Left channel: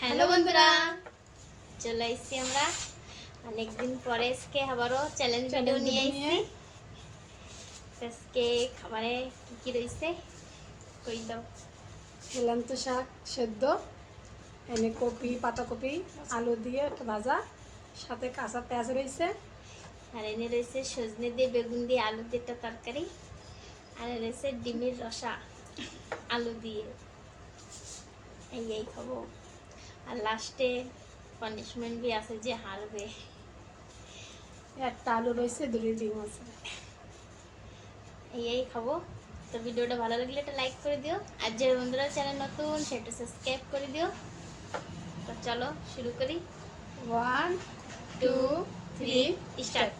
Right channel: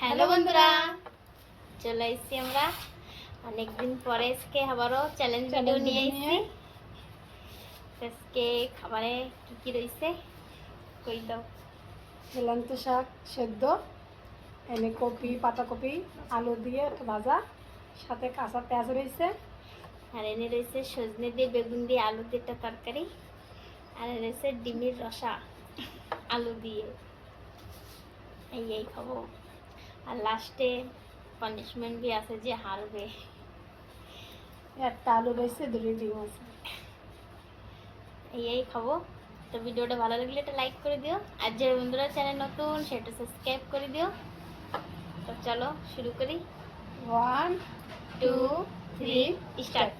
Hello বন্ধুরা, চলে এসেছি আমরা অনেকদিন পরে। আজকে আবারও চ্যালেঞ্জ ভিডিও নিয়ে এসেছি। আজকে খাবারে কি কি রয়েছে কই দাও। হেলান্ত শাক সেদ্ধ, এনে কপি, পাতাকপি, আলু দিয়ে একটা ভাজা, সাথে কাঁচা পেঁয়াজ রয়েছে। আর এনে রয়েছে সজনে দিয়ে, বেগুন দিয়ে, আলু দিয়ে একটা তরকারি। আর এনে রয়েছে ডিমের রসা আলু দিয়ে। এই খাবো। আর লাস্টে পানিশমেন্ট বি আছে, যে হারবে। একটা আলু রয়েছে, দুটি ডিম আছে। এই খাবো। তো ভিডিওটা ভালো লাগলে একটা লাইক করে দিও, আর যে বন্ধুরা চ্যানেল নতুন সেটা সাবস্ক্রাইব করে দিও। তো চলো শুরু করি। 1 2 2 3 3 স্টার্ট। স্টার্ট।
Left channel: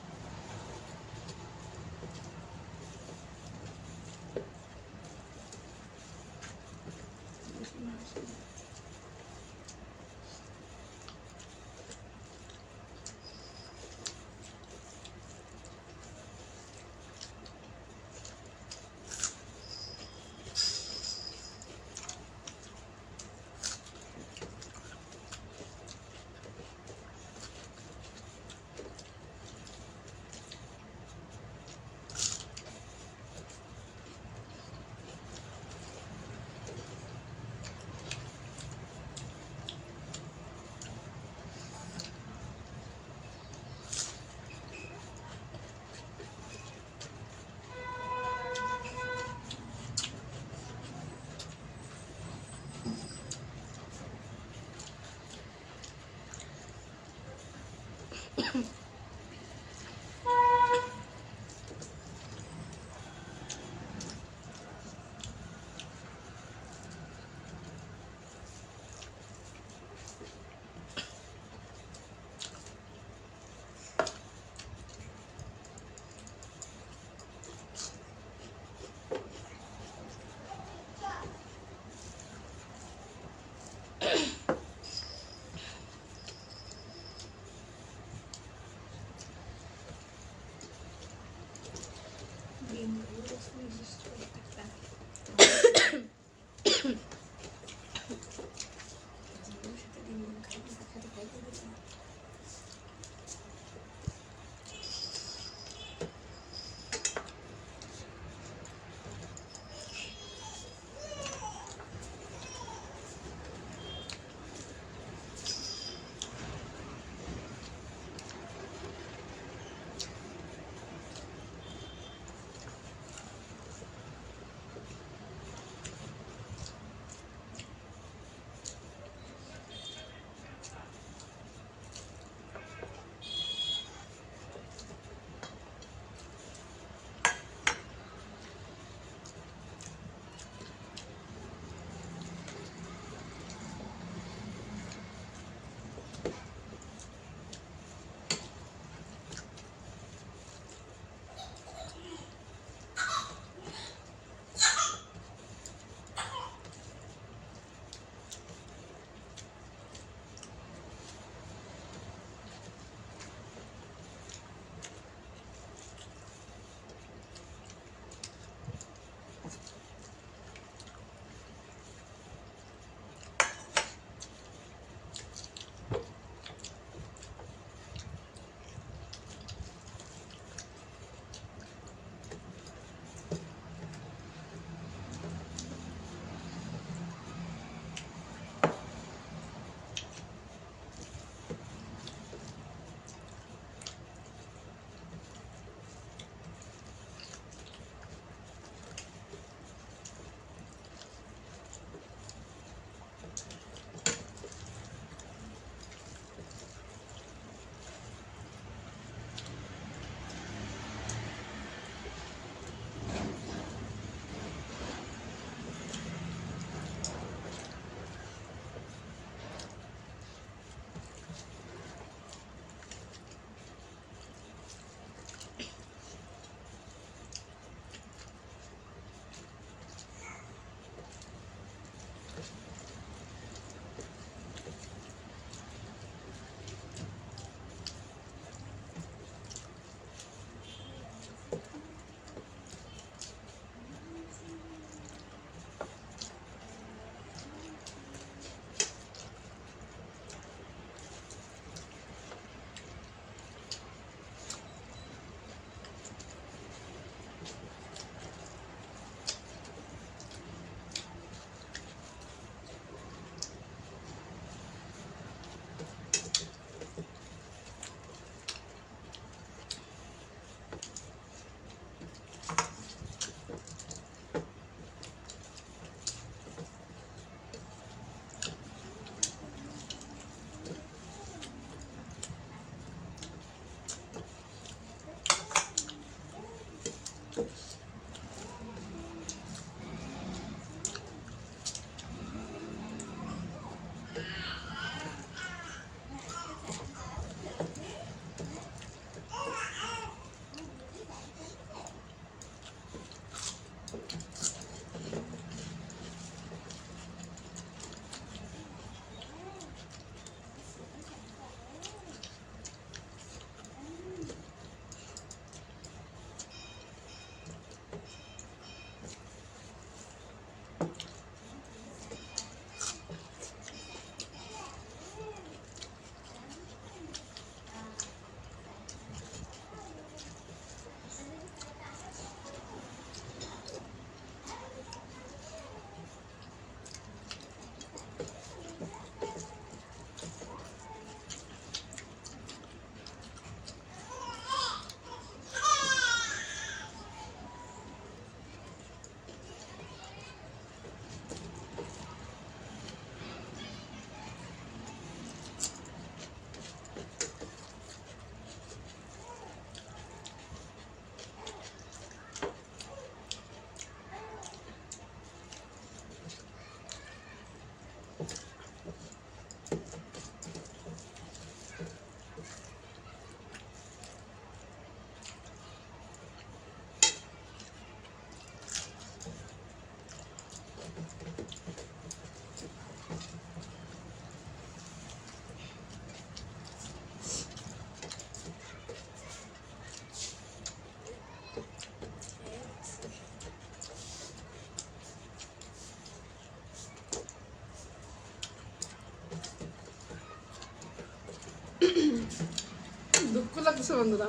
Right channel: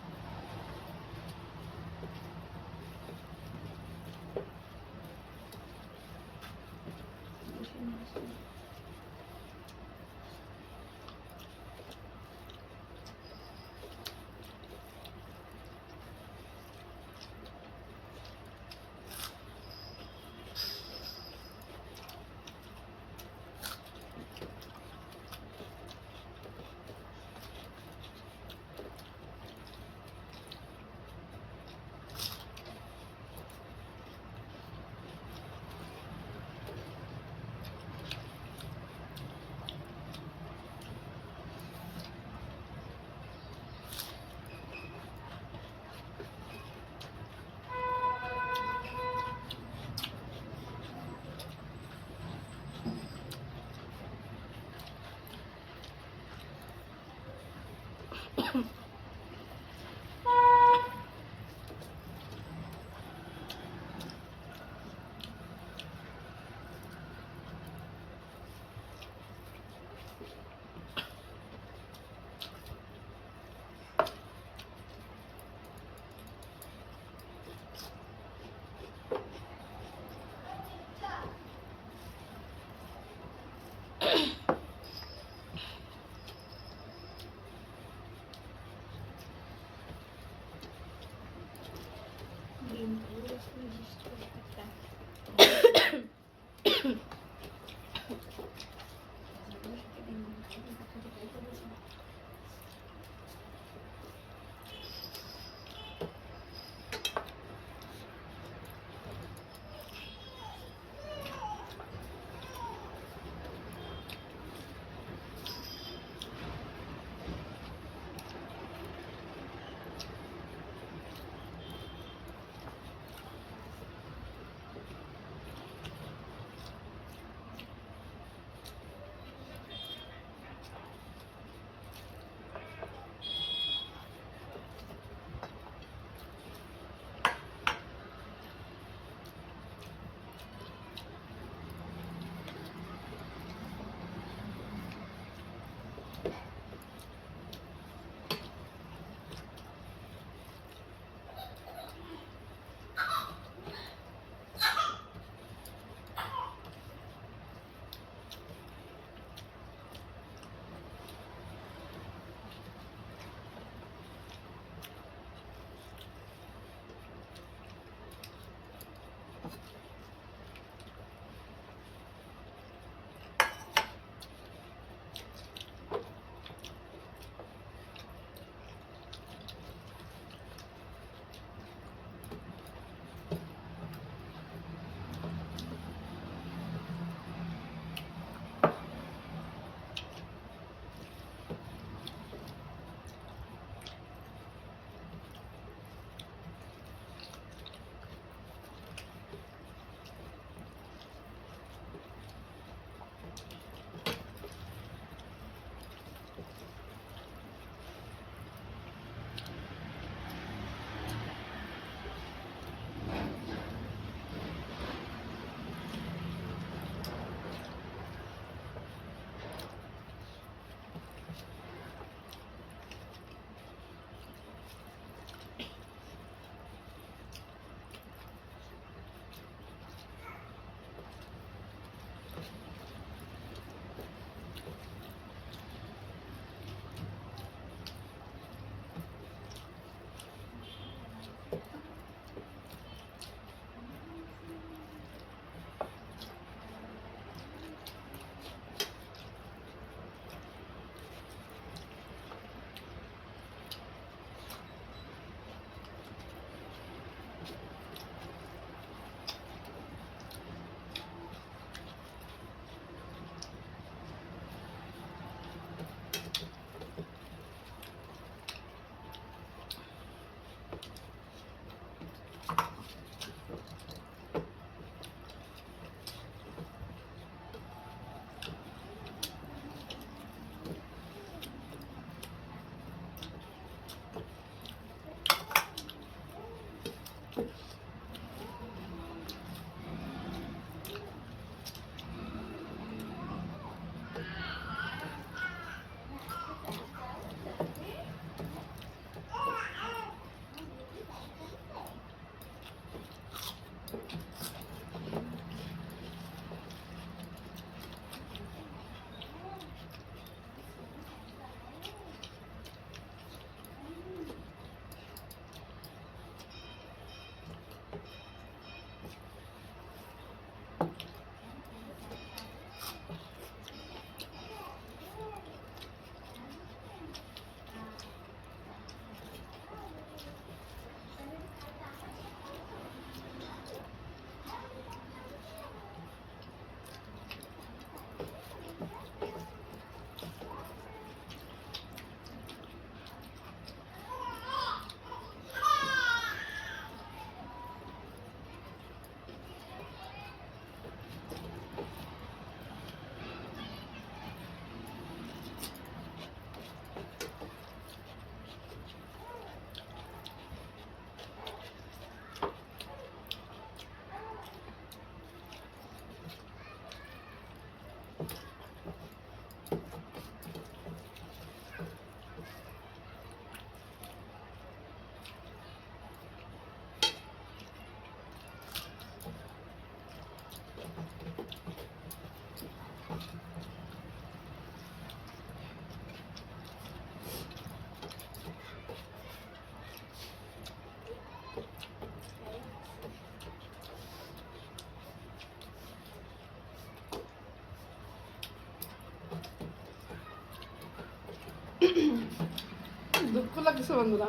দুঃখ লাগছে বন্ধুরা।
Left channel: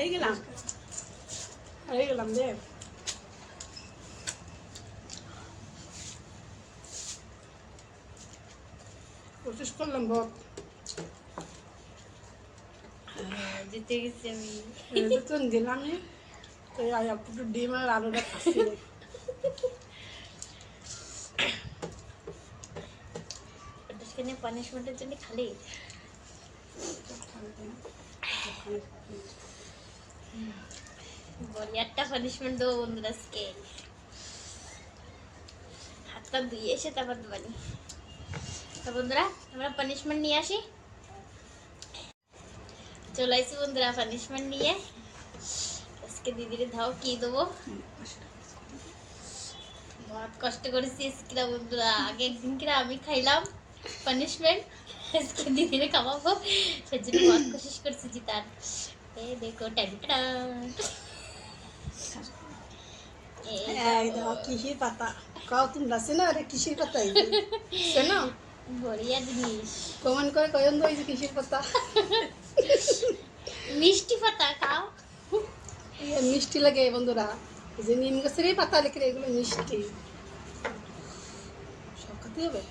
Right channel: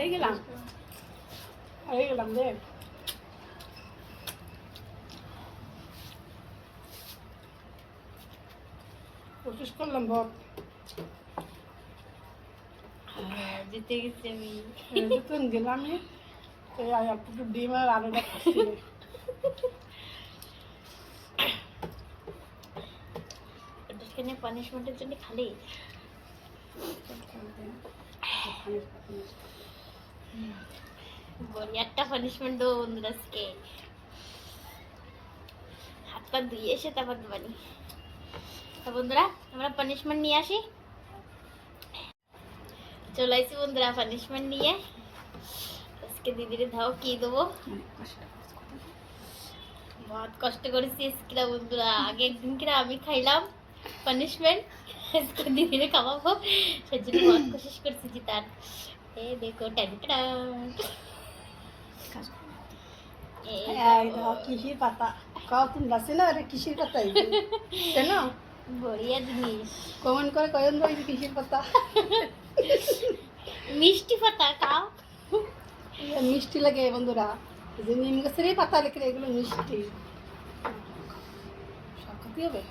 এই গেলাম রে। কোশিশ করলাম বহুত। জিতে গেছি আমি। যতক্ষণ গেলাম অল্প একটু ডিম আর আলুটা খাচ্ছি। ওটাকে পানিশমেন্টের জন্য খালি বড়ি একটা পানিশমেন্ট দেবো বন্ধুরা আজকে। হাত পা ধুয়ে এসে তারপর দেবানি। তো বন্ধুরা আমরা পানিশমেন্ট নিয়ে আসি। চলে আসি বন্ধুরা পানিশমেন্ট নিয়ে। আজকে দিদিরে ধাও কি দেবো, বহুত কষ্ট করেছি আজকে বন্ধুরা। আগে একদিন কিনা আমি খাইলাম পানিশমেন্ট, আজকে দিদিরে খাওয়াবো, সেজন্য বহুত কোশিশ করছি জিতার। এ দেখো টাটা, এই এই দাও কিসির পাতা কাও তোমরা চেনো রে? কিসির পাতা চেনো? বড়িয়া জিনিস, কমেন্ট করে কয়ন তো কিসির পাতা। মিষ্টি পাতা খাও। মিষ্টি লাগে বন্ধুরা। এই যে নিম গাছেরই পাতা লিখে এগুলো মিষ্টি। সব খেতে হবে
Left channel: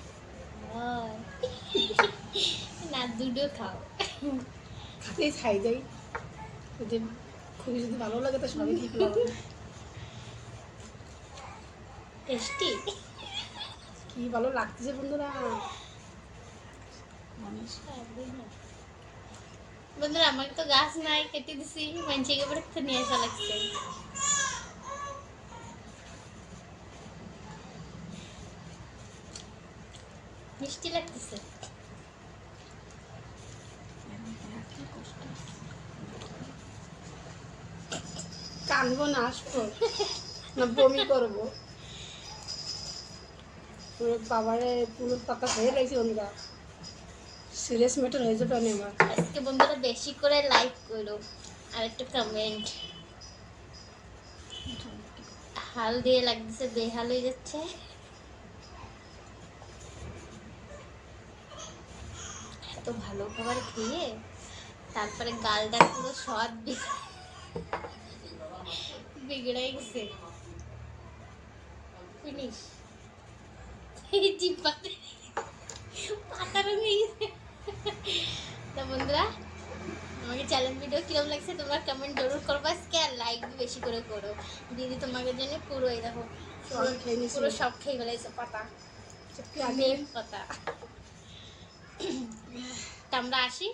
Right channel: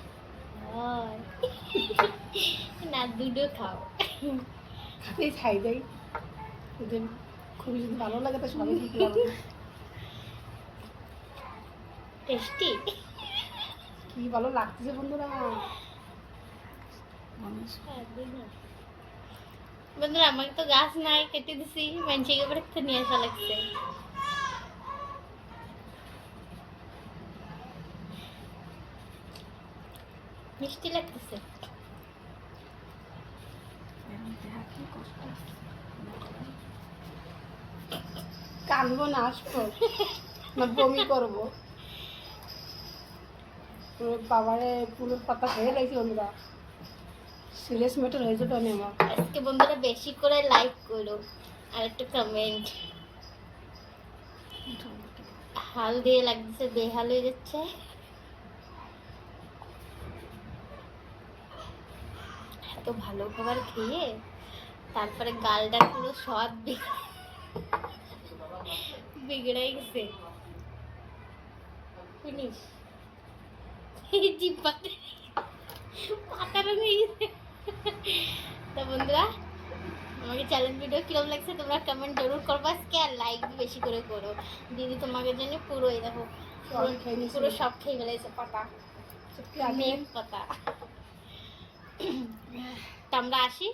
হয়। না দুটো খাও। খাতেই খাই যাই। যদি খুবই যদি ভালো লাগে তো সবাই ঠিক লাগে। টেস্টি। কি ভালো লাগতেছে বন্ধুরা। বন্ধুরা আমার তো গাছ নাই, কেটে দিছি, মানুষকে পরে তো নিয়ে আসা লাগছে। মিষ্টি লাগতেছে। কানবো না আসবো না বমি করবো। বাবারে পুরো পাতা হয়ে গেছে বন্ধুরা। সিরিয়াস ম্যাটার হয়ে যাবে আমি আমার। আজকে বন্ধুরা বেশি করে লাইক করো আর একটু কমেন্ট। হাল দিয়ে লাগতেছে, বেহাল হয়ে যাচ্ছে। এত ভালো খাবার খেয়ে তারপরে গালটা পুরো স্বাদ বিগড়ে গেছে। ফিনিশ। জিব্বাতে পাতা রঙে গেছে। তো বন্ধুরা আমাকে চ্যালেঞ্জ ভিডিও কিরকম লাগছে তোমরা কমেন্ট জরুর করবা আজকে, আর লাইক বেশি করে করো। দিদি তোমাকে জন্য পুরো এই দেখো পুরো সব খেয়ে ফেলেছে পাতা, নিম পাতা। তো আমরা আসি।